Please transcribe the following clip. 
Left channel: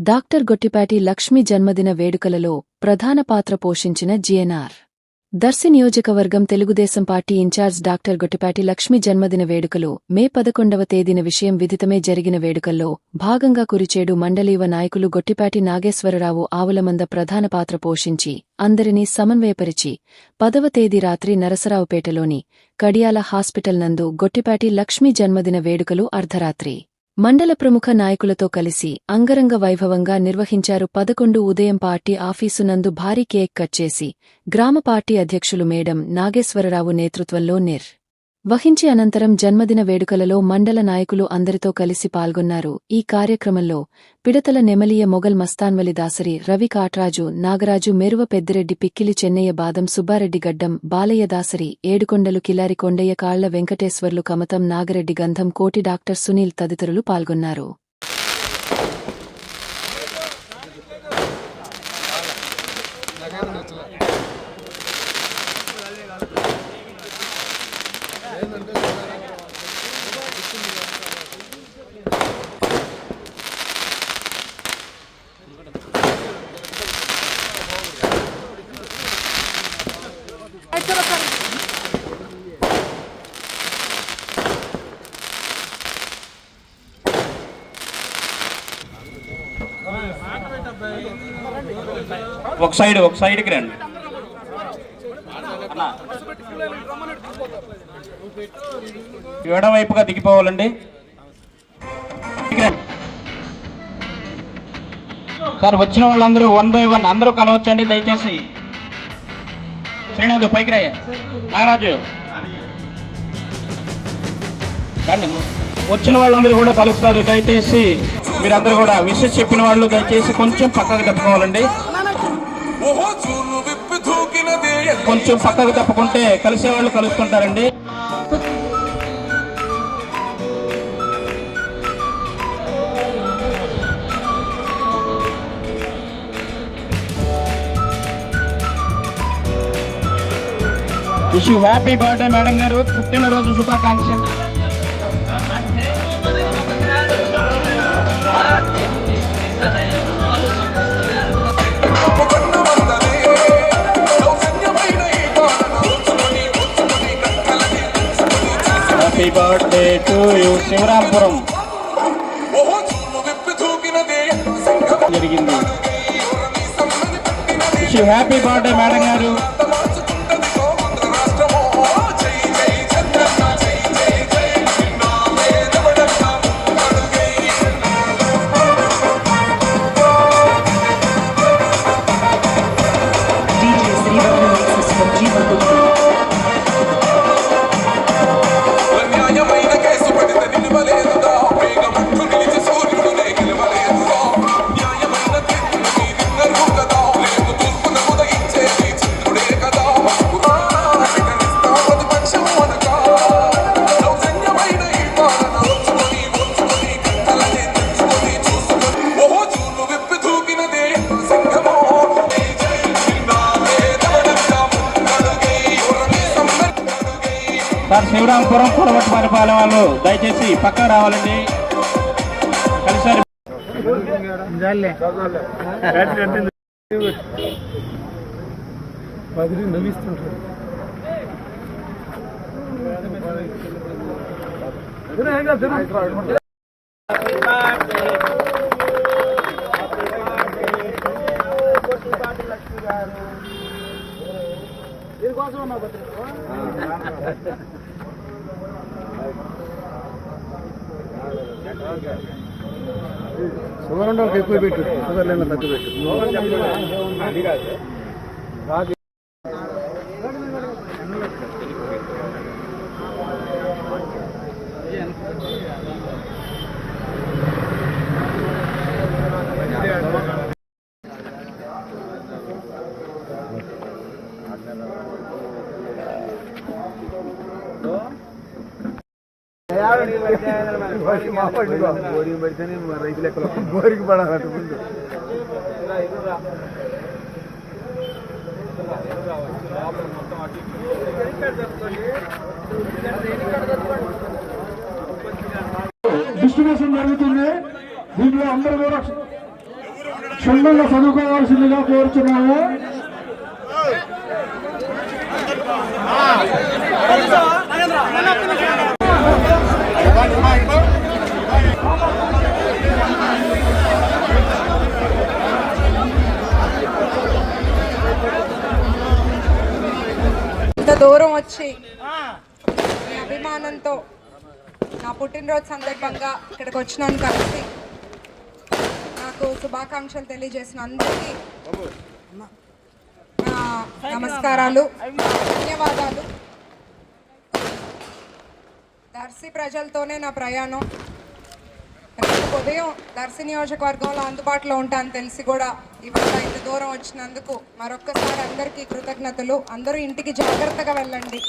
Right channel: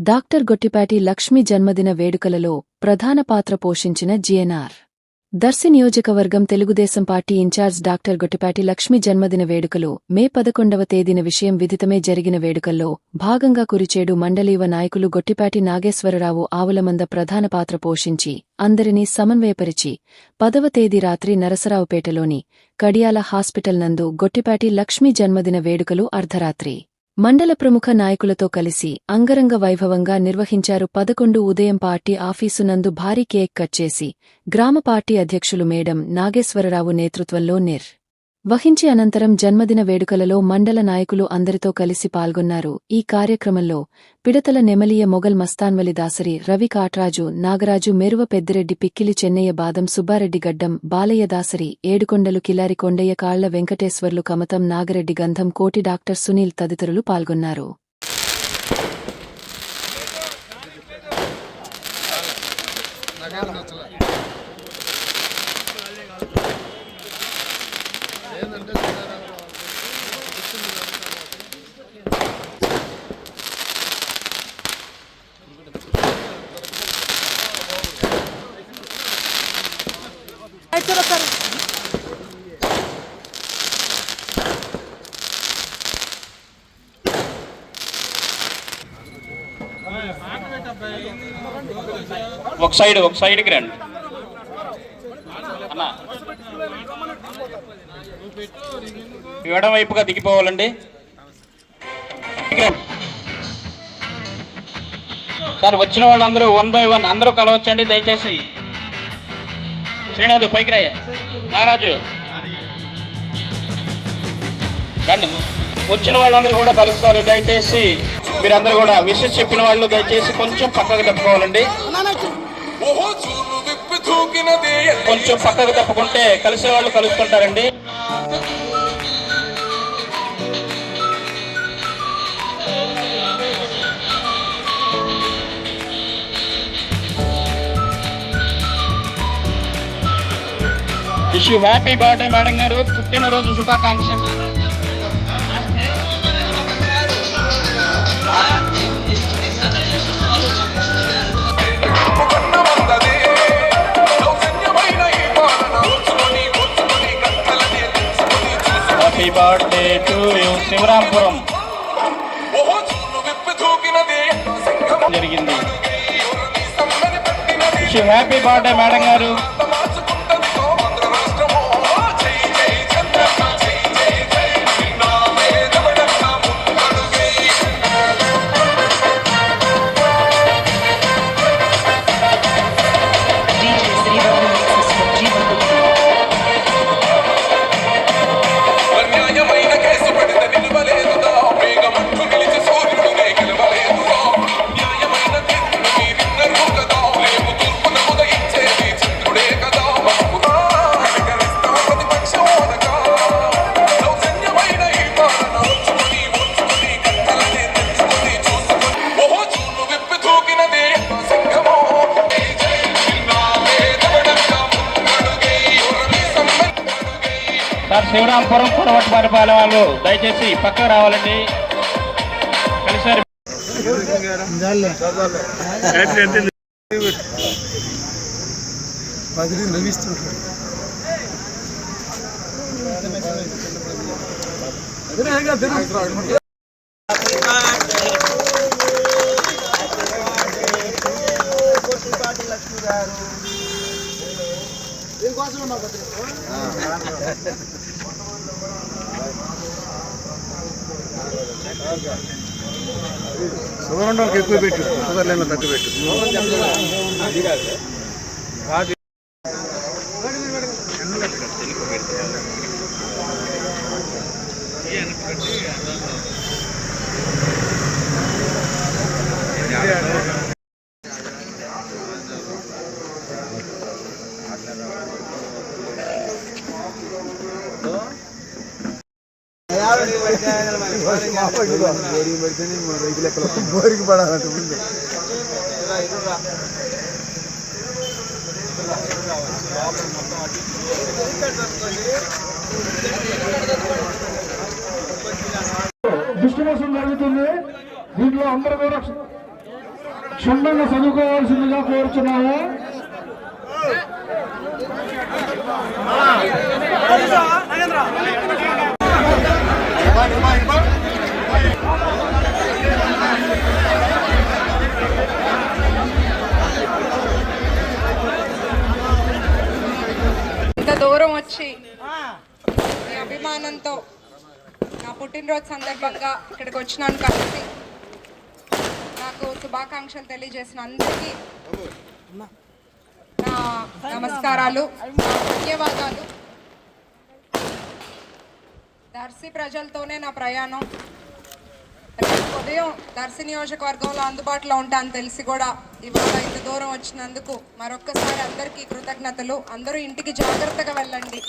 Doctor Gottipati Lakshmi జన్మదిన వేడుకలలో ప్రధాన పాత్ర పోషించిన జిఎన్ఆర్ దర్శి నియోజకవర్గం Telugu Desam party in-charge doctor Gottipati Lakshmi జన్మదిన వేడుకలు మే పదకొండవ తేదీన విషయం విదితమే జరిగిన వేడుకల్లో భాగంగా కురిచేడు మండలీవ నాయకులు గొట్టిపాటి నాగేశ్వరరావు ఆవులమంద ప్రధాన పాత్ర పోషించి అందరినీ సమన్వయపరిచి పదవ తేదీ రాత్రి నరసరావుపేటలోని కడియాల హాస్పిటల్ నందు గొట్టిపాటి లక్ష్మి జన్మదిన వేడుకలు అర్ధరాత్రి. మండల ప్రముఖ నాయకులతో కలిసి అంగరంగ వైభవంగా నిర్వహించారు పదకొండు ఉదయం పార్టీ ఆఫీసు నందు భారీ కేక్ కట్ చేసి గ్రామ పార్టీ అధ్యక్షులు మేడం నాగేశ్వరరావు నేతృత్వంలో నిర్ వహించి అనంతరం జన్మదిన వేడుకలలో మండల నాయకులు అందరితో కలిసి పాల్గొన్నారు. ఈ కార్యక్రమంలో పిడతల నెమలియ మొగల్ మస్తాన్వలి దాసరి రవి కాట్రాజు నాగరాజు మెరువ పెద్దిరెడ్డి పిక్కిలి చెన్నయ్య బాదం సుబ్బారెడ్డి గడ్డం బాలయ్య దాసరి ఏడుకొండలు కిలారి కొండయ్య కాళ్ళ వెంకటేశ్వర్లు కమతం నాగరెడ్డి గంధం కోటి డాక్టర్ సునీల్ తదితరులు పాల్గొన్నారు. ఒక సైడ్ ఒక సైడ్కి రండి. ఎడవైపుగా దిగిపోవాలండి. సార్ వచ్చిన వాళ్ళందరూ వన్ బై వన్ అందరూ కలవచ్చండి దయచేసి. శ్రీనాథ్ పైకి రాయ. నాగరాజు. రండి. వచ్చిన వాళ్ళందరూ కూడా కలుస్తారు. దయచేసి మీరందరూ కూడా విషయం చెప్పిన వాళ్ళు దయచేసి కొంచెం పక్కకు తప్పుకోవాలండి. కొంచెం పక్కకు తప్పుకుంటే కలిసే వాళ్ళు కలుసుకుంటారండి విష్ హ్యాపీ బర్త్డే మేడం గారు. పుట్టినరోజు శుభాకాంక్షలు. Happy birthday to you Sivarampuram. జరిగింది. హ్యాపీ బర్త్డే మేడం గారు. సార్ శివరాంపురం పురవటి పరిపాలన వాళ్ళు దయచేసి పక్కకు రావాలండి. కలిసారి. బదిలీ నవ్విస్తుంటాడు షుగర్ ఉండడానికి ఎక్కువ పెట్టు. షుగర్ లేని తక్కువ పెట్టు. బోరింగ్ పడితేనే రైతు లెక్కలు బోరింగ్ పడాలంటే ముందు డిస్ట్రిబ్యూషన్ జరుగుతుంది దీంట్లో అందరూ కూడా క్షుణ్ణంగా చదువుకోవాల్సిందిగా కోరుచున్నాము ఇంత దూరం వచ్చి అభిమానంతో నా పుట్టినరోజు సందర్భంగా ఇక్కడికి వచ్చినాను కాబట్టి నాకు శుభాకాంక్షలు తెలియజేసిన అందరికీ నా నమస్కారాలు ధన్యవాదాలు. దర్శి ప్రజలతోనే నా ప్రయాణం. ఉదయం దర్శి నియోజకవర్గంలో అందుబాటులో ఉంటాను తెలిసి కూడా ఇవాళ ఇంత దూరం వచ్చినందుకు మరొక్కసారి అందరికీ కృతజ్ఞతలు. అందరూ ఇంటికి జాగ్రత్తగా వెళ్ళండి.